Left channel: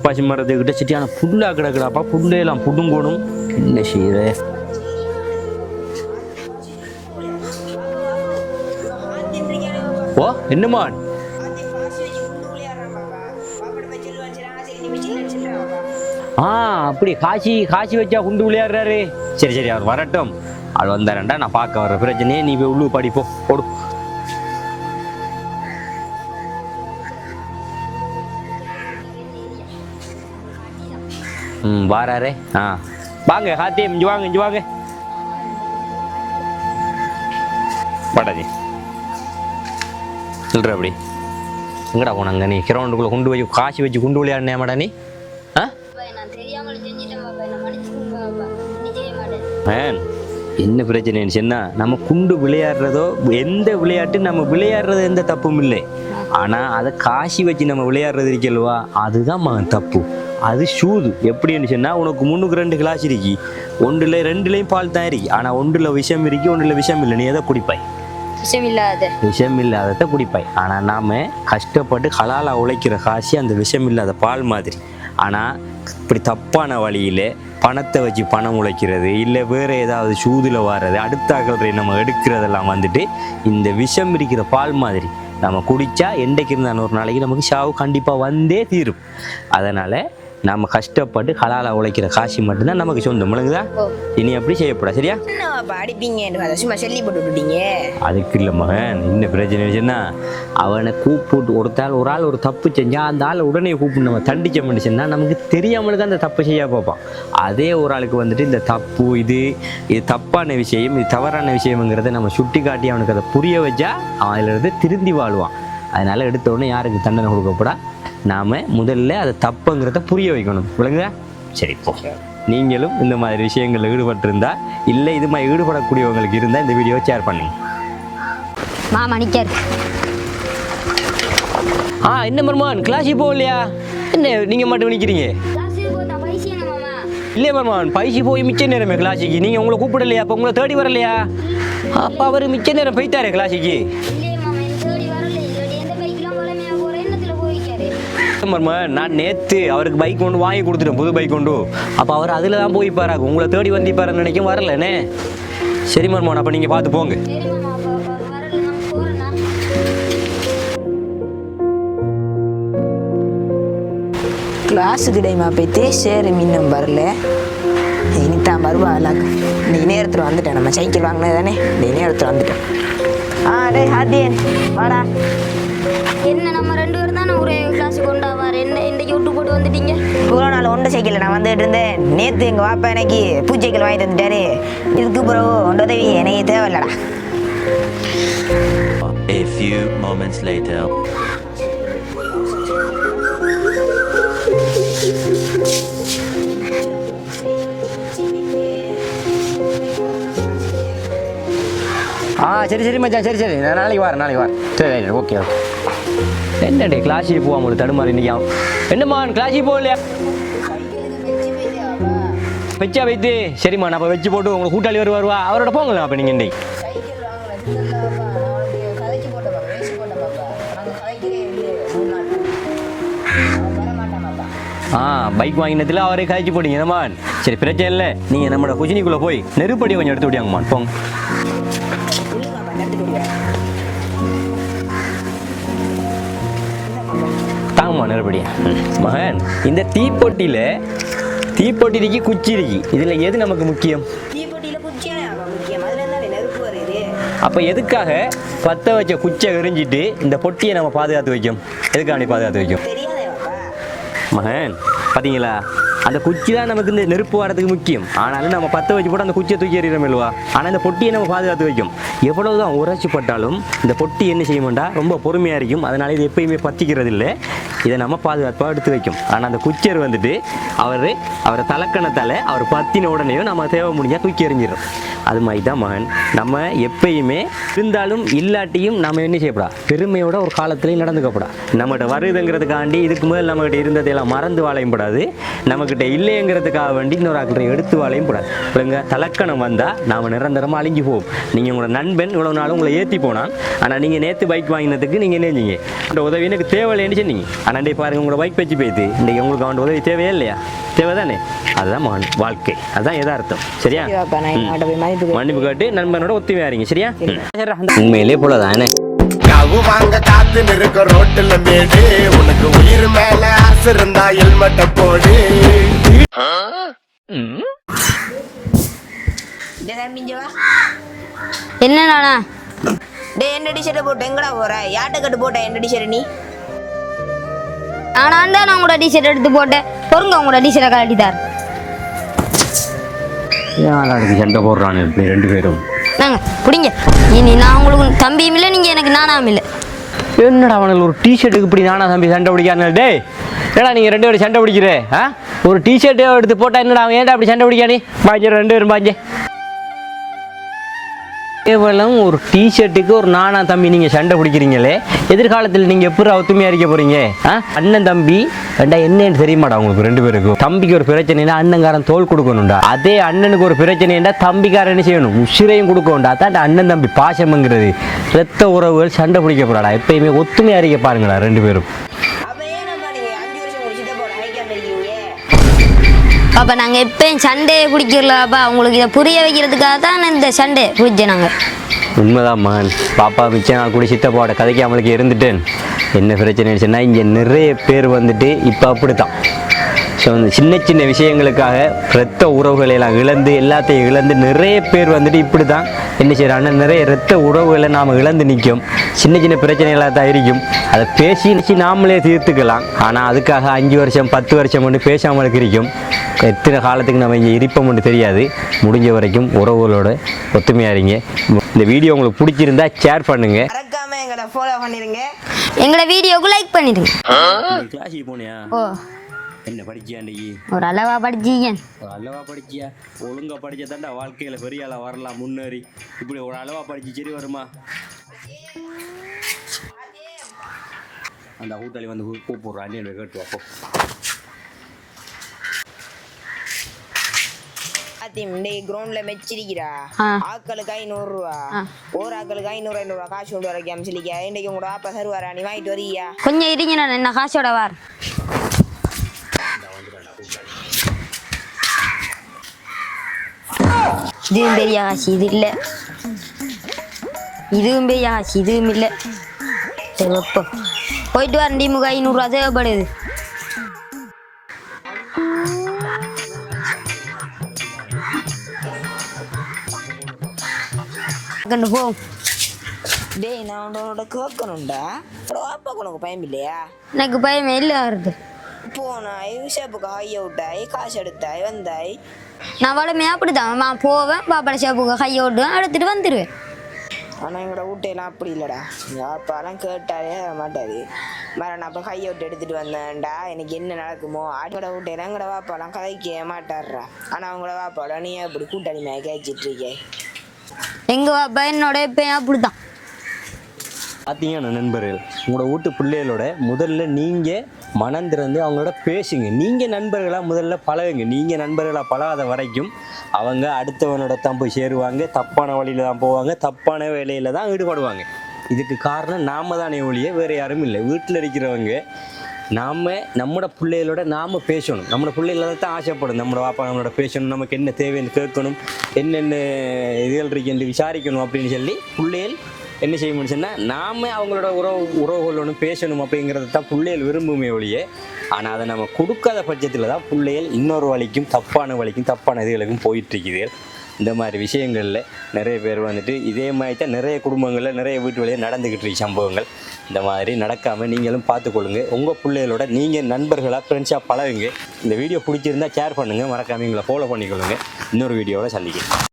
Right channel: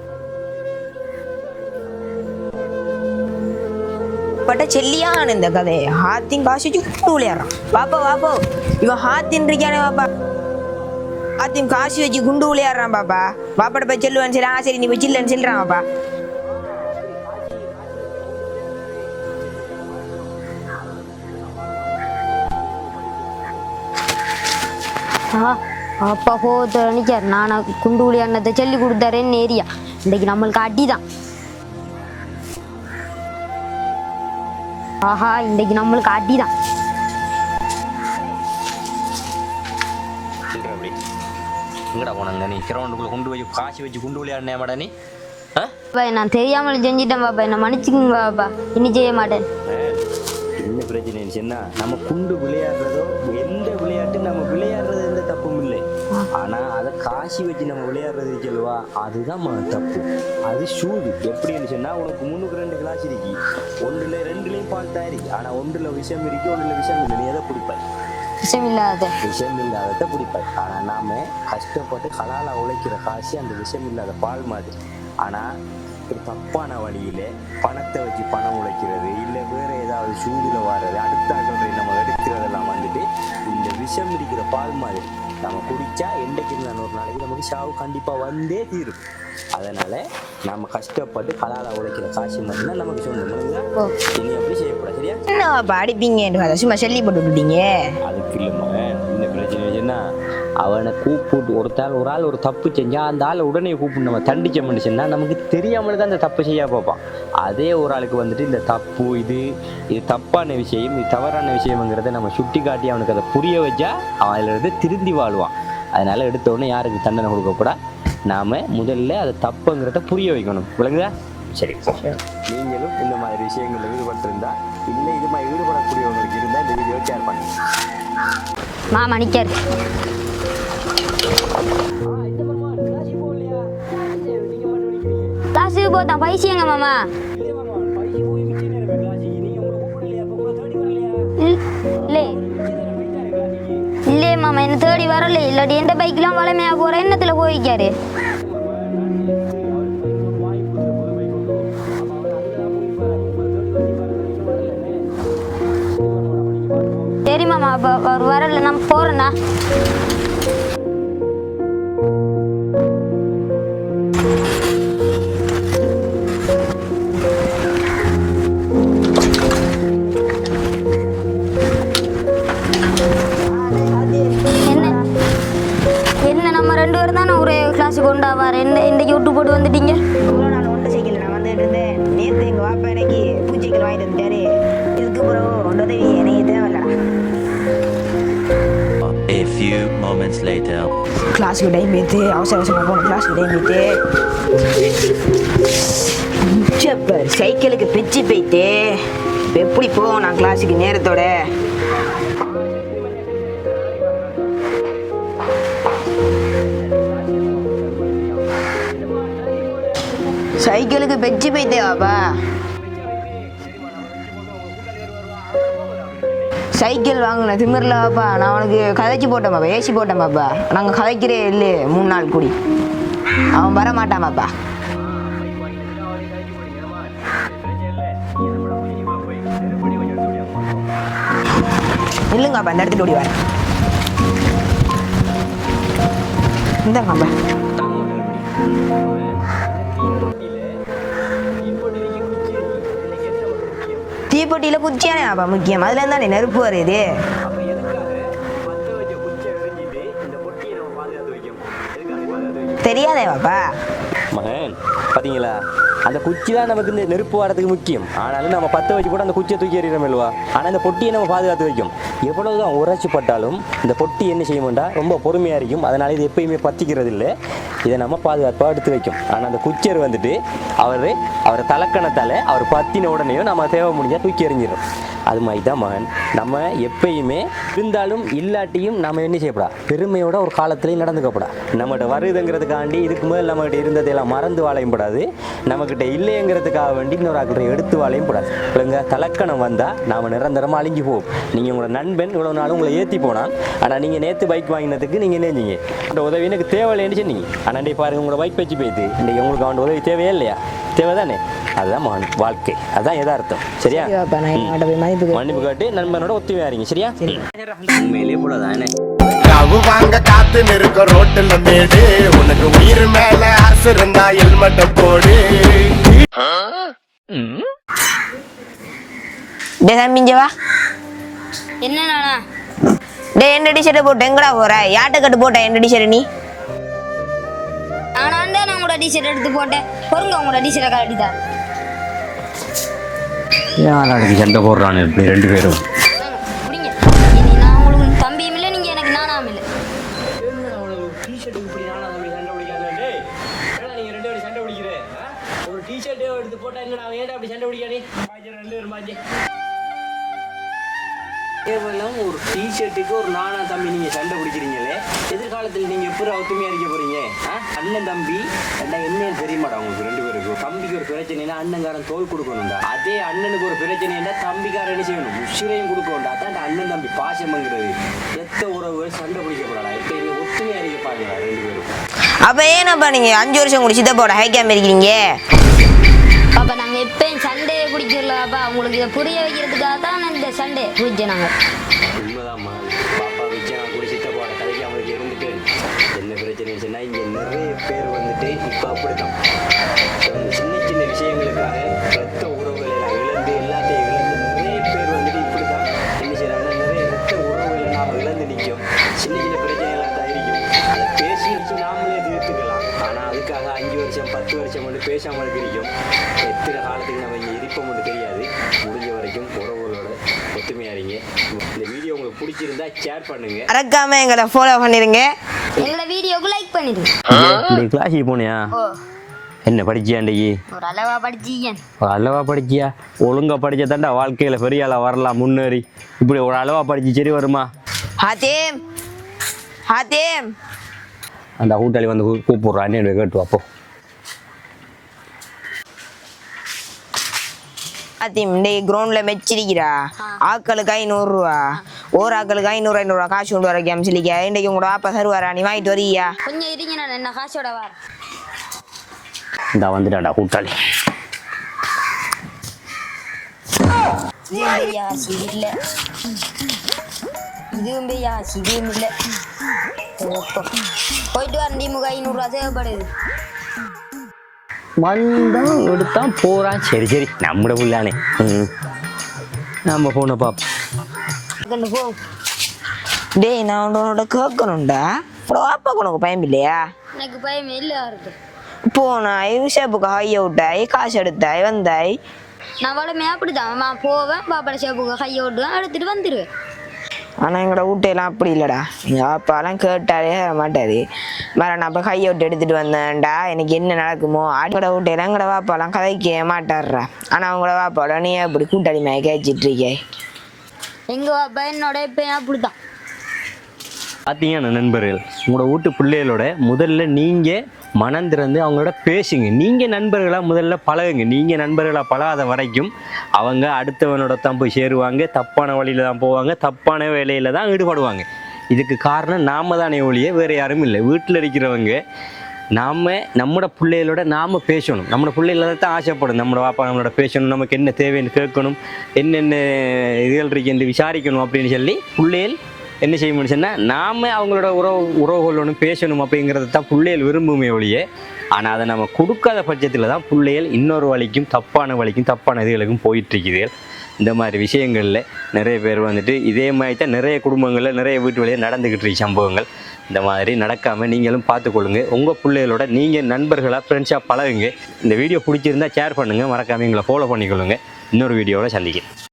பப்பாசி மரத்துக்கிட்ட சிட்டியான புல்லா கிடக்குடாப்பா, புல்லையெல்லாம் புடுங்கணும். என்ன செய்யுது பட்ட செல்லியான இந்த கதை ஹாத்தின் காசு குண்டு விளையாடுறான். பாப்பா பாப்பா இவன் ஹாத்தின் இருக்கானே பாப்பா. ஓ என்னம்மா ஹாத்தின் காசு வச்சு குண்டு விளையாடுறான் பாப்பா. பாப்பாட்ட போய் செல்லுவான்னு சரி சரி நீ போய் சில்லன்னு சொல்றான் பாப்பா. அப்படி காசி வச்சா குண்டு விளையாடுறாரு. சரி சரி அவர் வரட்டும். அது வந்தாரண்டா நான் பார்க்க வர பிரச்சனையே. நீ போய் உள்ளு படிப்போ போடு. அப்பா போத்த நினைச்சார் நான் குண்டு விளையாடினதை சொல்லி கொடுத்தாரேன்னு ஏரியா இன்னைக்கு நம்மளுக்கு அடிதான். வாராரே. வாங்க ஹாத்தி இஞ்சி வாங்க இஞ்சி வாங்க. ஆஹா இன்னைக்கு நம்மளுக்கு அடிதான். படாதி சொல்ற அப்படி எங்கடா போனாங்க நீ கிரவுண்டுக்குள்ள கொண்டு போய் காசி வச்சு குண்டு விளையாடினே மாடா நீ? நான் தெரியாமல் செஞ்சிட்டேன் பாப்பா, என்ன மன்னிச்சுக்குங்க பாப்பா, இனி செய்ய மாட்டேன். என்ன பிரச்சனைன்னு சொன்னா நம்ம குண்டு விளையாடுறதோ எந்த விளையாட்டு நம்ம விளையாடுறது எந்த தப்பும் இல்லை. ஆனா அதை காசி வச்சு நம்ம விளையாடுறது இருக்கல்வா அதுதான் தப்பு. அது சூது. எப்படின்னு சொன்னா உனக்கு 3 கிளாஸ் இருக்கு, ஒன்றுல 2லயும் பால் தான் இருக்கு. ஆனா ஒன்றுல விஷம் இருக்கு, ஒன்றுல விஷம் இல்லை. நீ எதை குடிப்பாய்? விஷம் இல்லாததை குடிப்பாய். ஆனா நாம கஷ்டப்பட்டு ஹலாலா உழைக்கிற காசி அந்த விஷம் இல்லாத பால் மாதிரி. ஆனா இப்படி தப்பான வழியில பணத்தை வச்சு பணம் உழைக்கிறது இல்லை வேற ஏதாவது சூதுல வர்றது அடுத்தாக்களை நம்ம எடுக்கிறதெல்லாம் வந்துட்டு இந்த விஷம் இருக்கிற பால் மாதிரி. நம்ம குடிச்சா என்றைக்கு இருந்தாலும் ஒரு நாளைக்கு நமக்கு சாவு கண்டிப்பா வந்தே தீரும். அதனால நம்ம கஷ்டப்பட்டு ஹலாலா உழைக்கிற காசி மட்டும்தான் நமக்கு சொந்தம். முழுங்குதா? இனி அப்படி செய்யப்படா. சரியா? அடிப்பீங்க சும்மா சொல்லி போட்டுட்டீங்க. அதுக்கு இல்லை மகன், என்ன பிரச்சனை அவனை கூப்பிட்டு ஒரு ஆள் ஒரு தப்பு செஞ்சா அந்த ஆளை உடனே கூப்பிட்டு நம்ம தண்டிச்ச முடிச்சுன்னா நமக்கு தெரியாமலுக்கு அந்த தப்பு செய்ய பார்ப்பான். அதே ஒரு ஆளுக்கு வந்துட்டு இந்த தப்பு இது தப்பான விஷயம், இது தவறான விஷயம்ங்கிறத நம்ம சுட்டி காட்டி அவனுக்கு அதை புரிய வச்சா அதில் இருந்து திருந்தி வாழ்வான். அதனால எடுத்த உடனே யாருக்கு தண்டனை கொடுக்கப்படா, நாம முதல்ல அதை தப்புங்கிறத புரிய வைக்கணும். விளங்குதா? சரி, நீங்களும் இந்த மாதிரி விஷயங்கள் ஈடுபட்டிருந்தா இல்லை இது மாதிரி ஈடுபடக்கூடியவங்களுக்கு இருந்தால் இந்த வீடியோவை ஷேர் பண்ணுங்க. மணிக்கார் என்ன மர்மான் கிளாஸுக்கு போகலையா? என்ன நீங்க மட்டும் நிக்கிறீங்க? கிளாஸுக்கு போதா பைசியங்க மாமா. இல்லையே மர்மான், பைசி போய் மிச்ச நேரமே கிளாஸுக்கு. நீங்க உங்களை கூப்பிடலையா? அப்ப உங்களை தேடி வரலையா? அப்ப அவரு மிச்ச நேரம் போய்த்தாரு கிளாஸுக்கு. இல்லையே மாமா, என்ன தேடி வரல. இல்லாட்டி எந்த பைக்லாம் வளமையா போற எண்ணத்துல போய்க்காரு. மர்மான், நான் நேத்து அவருக்கு பைக் கொண்டு வாங்கி கொடுத்துட்டேன், புது பைக் கொண்டு. அப்ப அவர் அதுல தான் போய்ப்பாரு, உங்களை தேடி வந்திப்பாருன்னு நினைக்கும் வரலனே. சரி மர்மான், அப்ப நீங்க பார்த்து போங்க. சரி மாமா, அப்ப அவர் வரல, நான் போறேன்னா. கிளாஸுக்கு டைமா போயிட்டு சரி மீண்டும் வரல. இனித்தான் வருவா. நீ நேரத்தில் வந்துட்டேன். நம்ம சைக்கிள் வாங்கினது தானே, நீ நேரத்தில் வந்துட்டேன். டே ஹாத்தியன் வாடா. என்ன நம்ம 2 பேரும் தானே ஒரு கிளாஸுக்கு கொண்டு வர இன்னைக்கு விட்டு போட்டு வந்துட்டீங்க? இவ்வளோ நாள் ஒன்றை சைக்கிள் நான் வந்துட்டு இருந்தேன். நேற்று எங்கள் வாப்பா எனக்கு பூச்சைக்கிள் வாங்கி தந்துட்டாரு. இதுக்கு பிறகு ஒன்று உதவி எனக்கு தேவையில்லடா. A few moments later. கிளாஸுக்கு டைம் எடுத்து அவசரமாக போகணும். கிளாஸுக்கு டைம் எடுத்து சைக்கிளுக்கு பிச்சு போயிட்டு எப்படி போவோம் நான் கிளாஸுக்கு நேரத்தோட? சரி சரி மச்சான், சரி சரி நான் நாளைக்கு வரேன். சரி ஓகே ஓகே. என்னடே கிளாஸுக்கு போவாங்க தடுமாறி நிற்கும். என்னம்மா கிளாஸுக்கு போகலையா? சைக்கிளுக்கு பெச்சு போயிட்டே வாப்பா. வச்சா வைத்து சரிம்மா, நான் அப்போ வச்சு போட்டு உங்களுக்கு கூட்டாளி வருவா அவரோட போங்களா? அப்போ நீங்கள் இன்னைக்கு சைக்கிள் வாங்கல திமிரில் வாப்பா. நான் உனக்கு கதைச்சி போட்டேன் பாப்பா, ஏசி போட்டேன் பாப்பா. நாங்கள் கதைக்கிறே இல்லையே 3 நாள் கூடி. அவன் வரமாட்டான் பாப்பா. பைக் வாங்கினதுல அவரே கதைச்சி போட்டீங்கம்மா. சரி பிரச்சனை இல்லை, நீங்கள் நம்மளோட குஜினிக்குள்ளே போய் நெருப்படி கொஞ்சம் எடுத்து விட்டியாங்கம்மா. போங்க இல்லைங்கப்பா, எடுத்துட்டு ஓடி வரேன். இந்தாங்கப்பா தாங்கம்மா நெருப்படி. மகன், இந்த தீப்பொட்டி இருக்கு, குச்சி இருக்கு, இதுல எது நமக்கு முக்கியம்? தீப்பொட்டியில குச்சியானே அப்பா முக்கியம். அதுல இருந்தா நெருப்பு வருது. அப்ப எதுக்காக பத்த வச்ச குச்சை எரிஞ்சிட்டு இந்த பொட்டியை நம்ம பாதுகாத்து வைக்கும்? எதுக்காக பாதுகாத்து வைக்கும் தெரியாதே பாப்பா. மகன் பாத்தீங்களா, அந்த குச்சி தான் நமக்கு இந்த நெருப்பு வரதுக்கு முக்கியம். ஆனாலும் நம்ம பத்த வச்சு போட்டு அந்த குச்சியை தூக்கி எறிகிறோம்ல்வா. ஆனா இந்த பொட்டியை நம்ம பாதுகாத்து வைக்கும். எவ்வளவுதான் உரைச்சி பட்டாலும் இந்த பொட்டி என்ன செய்ய மாட்டா, ரொம்ப பொறுமையா இருக்கும். அதனால இது எப்பயுமே பத்திக்கிறது இல்லை. இதை நம்ம பாதுகாப்பாக எடுத்து வைக்கும். ஆனால் அந்த குச்சர் வந்துட்டு அவரை தலக்கணத்தால் அவர் பத்தின உடனேயும் நம்ம தேவை முடிஞ்சால் தூக்கி எறிஞ்சிடும். அது மாதிரி தான் மகன். நம்ம எப்பயுமே இருந்தாலும் இல்லாட்டியும் நம்ம என்ன செய்யப்படா பெருமையோட ஒரு காலத்துலேயும் நடந்துக்கப்படா. நம்மகிட்ட வருதுங்கிறதுக்காண்டி இதுக்கு முதல் நம்மகிட்ட இருந்ததையெல்லாம் மறந்து வாழையும் கூடாது. நம்மக்கிட்ட இல்லைங்கிறதுக்காக வேண்டி இன்னொரு ஆக்கிட்ட எடுத்து வாழையும் கூடாது. இல்லைங்க தலக்கணம் வந்தால் நாம் நிரந்தரமாக அழிஞ்சு போவோம். நீங்கள் உங்களோட நண்பன் இவ்வளோ நாளும் உங்களை ஏற்றி போனான். ஆனால் நீங்கள் நேற்று பைக் வாங்கினதுக்கு நீங்கள் என்ன செஞ்சீங்க? அந்த உதவி எனக்கு தேவையில்லைன்னு சொன்னீங்க. ஆனால் இன்றைக்கு பாருங்கள் உங்களோட பைக் வச்சு போயிடுது. இன்றைக்கி உங்களுக்கு அவன் உதவி தேவையே இல்லையா? தேவைதானே? அதுதான் மகன் வாழ்க்கை. அதுதான் எதார்த்தம். சரியா? மன்னிப்பு கேட்டு நண்பனோட ஒத்துமையாரிங்க. சரியா? உண்மையிலே போலதானே கவு வாங்க காத்து நிற்க ரோட்டுல மேடு உனக்கு உயிர் மேல ஆசை இருந்தா ஹெல்மெட்ட போடு. மிஞ்சவா என்னண்ணா டே என்ன டிஷர்ட் போட்டு எங்கடா போற? யாட்டை கட்டு போட்ட என்ன டிஷர்ட் நீ? நான் தான் உங்களோட டிஷர்ட் எடுத்து போட்டேன். பொருங்க உங்களோட டிஷர்ட்டை கழட்டிட்டார். சண்டை போடுறானு இப்படி ரெண்டு பேரும். நாங்க பிடிங்க. இனி நான் உங்களுக்கு தம்பியும் இல்லை, நீங்க எனக்கு நானாம் இல்லை. என்னடா அவனுக்கு ஒரு டிஷர்ட்டுக்கு இப்படி நானா தம்பி சண்டை பிடிக்கானு? டே ஏடா நீங்கள் ரெண்டு பேரும் சண்டை பிடிக்கிறே? ஒரு டிஷர்ட்டை எடுத்து போட்டா என்னடா அவன் ஏன்டா அப்படி சண்டை பிடிக்கானே? பாஞ்சு ரெண்டு பேரும் பாஞ்சு கேவலம் ஒரு டிஷர்ட்டுக்கு ஒரு நானா தம்பி நீங்கள் சண்டை பிடிக்கிறீங்களே. எதிர்காலத்தில் நீங்கள் எப்படி ஒத்துமையாக இருக்க போகிறீங்க? அண்ணன் தம்பி ரெண்டா என்னன்னு தெரியுமாடா உங்களுக்கு ரெண்டு பேருக்கும்? தம்பிக்கு ஒரு பிரச்சனைனா அண்ணன்காரன் தோல் கொடுக்கணும்டா. அதே அண்ணனுக்கு ஒரு பிரச்சனைனா தம்பிக்காரன் என்ன செய்யணும்? உசிரையும் கொடுக்கணும்டா. அதான் அண்ணன் தம்பி பாசம்ங்கிறது. ரத்த உறவுகள் சண்டை பிடிக்கப்படாடா. எப்பயுமே ஒத்துமையாக இருக்க பாருங்களா ரெண்டு பேரும். அப்போ ஏன்னப்பா நீங்கள் 5 வருஷம் கூட சித்தப்போட ஹைக்காம இருக்கிறீங்க? அப்போ நாங்கள் எப்பயும் சண்டையை பிடிக்கிறலாப்பா. உங்களுக்கு இதை புரிய வைக்கிறதுக்காக தான் இந்த சண்டை பிடிச்சேன் நாங்கள். உண்மைதான் மகன். பாப்பா மிச்சம் நான் கூட சித்தப்பாவோட கதைக்கு அவளுக்கு இருந்துட்டேன். என்ன பிரச்சனை ஆயிடுச்சுன்னா இங்கே நிறைய பேர் வந்துட்டு இப்போ அப்படித்தான். ஸோ அந்த சின்ன சின்ன விஷயங்களுக்காக இரத்த உறவுகளை எல்லாம் இழந்து எல்லாத்தையும் இழந்து நிறைய பேர் வந்துட்டு இப்படி தான் என்ன செய்கிறாங்கன்னா நிறைய இரத்த உறவுகளை நாம் இழந்து நிற்கும். சின்ன சின்ன பிரச்சனைகளாக தான் இருக்கும். அதை பேசி நாமளே தீர்த்துக்கலாம். ஆனால் அதுக்காக 5 வருஷம் 10 வருஷம் மட்டும் பேசாமலுக்கு இருக்கும். எத்தனை காலத்துக்கு நம்ம இங்கே இருப்போம்னு தெரியாது. முடிஞ்ச வரைக்கும் உறவுகளோட ஒத்துமையாக இருங்க. இந்த வீடியோ உங்களுக்கு பிடிச்சிருந்தா ஷேர் பண்ணுங்க. மறக்காம எங்களை ஃபாலோ பண்ணிருங்க. எங்களோட வீடியோவுக்கு லைக் பண்ணிடுங்க. கிளாஸுக்கு போனியா? என்ன படிச்சியா? இன்றைக்கி ஒரு அளவா படிச்சீங்க. ஒரு அளவா படிச்சியா? ஒழுங்கா படிச்சா தாண்டா வாழ்க்கையில் பெரிய ஆளாக வரலாம் முன்னேறி. இப்படி ஒரு அளவா படிச்சு சரி வருமா? ஹாத்தீம் ஹாத்தீம் அந்த கூட்டாளி வந்து கூப்பிடுறான். அண்ணன் கேட்டு அப்போ ஹாத்தீம் இன்னைக்கு கிரவுண்ட்ல மெச்சிருக்கிறா. ஆக்களுக்கு 500 ரூபா. ஒரு ஆக்களுக்கு 500 ரூபா காசு கொண்டு வர கேம்ஸ்லிக்கா. இன்னைக்கு உங்களோட அப்பா தருவாரா? நீ வாங்கிட்டு வரியா? கொஞ்சம் இருங்க, நான் என்ன காசோட வார். இந்த வந்துட்டாடா கூட்டாளி. இதுவும் பெரிய காசு இது இல்லை. இதுவும் பெரிய காசு இதுவும் இல்லை. சரி அப்போ போயிட்டு வரண்டி. 500 ரூபா தேவைப்படுது. மண்டம் எடுத்தான் போகிறான். சரி சரி நம்மட புள்ளானே. நம்ம போன பாப்போம். போ. டேய் நான் உன்னோட கேட்கணும்டா. அப்பா உனக்கு பயம் இல்லையா? எனக்கு பயமே இல்லை வருது. போனாய் ஷேப்புக்கு ஹைய விட்டாய், காசு எடுத்தாய், வந்தாய். நான் வளமையாக அப்படித்தான். நான் போவேன், பாப்பாட ஷேப்புக்கு கையை விட்டுவேன், எடுத்துட்டு வந்துடுவேன். ஆனால் எங்களோட வீட்டையெல்லாம் அப்படி இல்லைடா. எங்கள் அப்பாலாம் கேட்டாலே மாட்டாரு. வேற நான் அப்போ கையை விட்டு எடுத்துகிட்டு வந்தேன்டா. எனக்கு என்ன நடக்குமோ ஆட்டோட வீட்டையெல்லாம் எங்களோட வாப்பாலாம் கதைக்க மாட்டாடுறா. ஆனால் அவங்களோட வாப்பாவோட நீ அப்படி கூட்டாளி மேய கேச்சிட்டு இருக்கே. எங்கள் பாப்பா என்னோட எப்பயும் அப்படித்தான். பார்த்தீங்கன்னா நண்பர்கள், உங்களோட வீட்டு பிள்ளைகளோட முதல்ல நீங்கள் மனம் திறந்து அவங்களோட பேசுங்க. நீங்கள் நண்பர்களாக முதல்ல பழகுங்க. நீங்கள் நண்பர்களாக பழகாத வரைக்கும் அவங்க அடுத்தவனோட தான் போய் சேருவாங்க. தப்பான வழியில் தான் போவாங்க. தப்பான வேலையில் தான் ஈடுபடுவாங்க. இதுக்கு காரணம் நாம தானே ஒழிய வேறு யாரும் இல்லை. வீட்டில் இருக்கிறவங்க நம்மளோட பிள்ளைகளோட நாம் பேசணும். நம்மளோட பிள்ளைகள தான் ஆசைப்படும். நம்மளோட வாப்பா நம்மளோட பேசணும், நமக்கு என்ன தேவைன்னு கேட்கணும், என்னென்ன இதுகள் இருக்குன்னு விசாரிக்கணும் அப்படின்னு சொல்லி பிள்ளைகள் என்ன செய்ய முடிச்சுன்னா நாம் அவங்களோட உறவுகள் ஒன்று பேசணும் அப்படிங்கிறது தான் பிள்ளைகள் விரும்புமே ஒழிய. ஆனால் அதை நம்ம கொடுக்காத பட்சத்தில் தான் பிள்ளைகள் இன்னொரு வழிக்கும் தப்பான இதுகளுக்கும் போயிட்டுருக்குது. இந்த மாதிரி விஷயங்களில் நிறைய பேர் வந்துட்டு இதே மாதிரி தான் நிறைய குடும்பங்களில் நிறைய வீட்டு வழியாக நடந்துக்கிட்டு இருக்க சம்பவங்கள். இந்த மாதிரி நடக்காமல் நீங்களும் பார்த்துக்கொள்ளுங்க. உங்கள் பிள்ளைகளோட நீங்கள் நண்பர்களாக ஃப்ரெண்ட்ஸாக பழகுங்க. இந்த வீடியோ பிடிச்சிருந்தால் ஷேர் பண்ணுங்கள். மறக்காமல் எங்களை ஃபாலோ பண்ணிக்கொள்ளுங்க. இன்னொரு வீடியோவில் சந்திக்கிறேன்.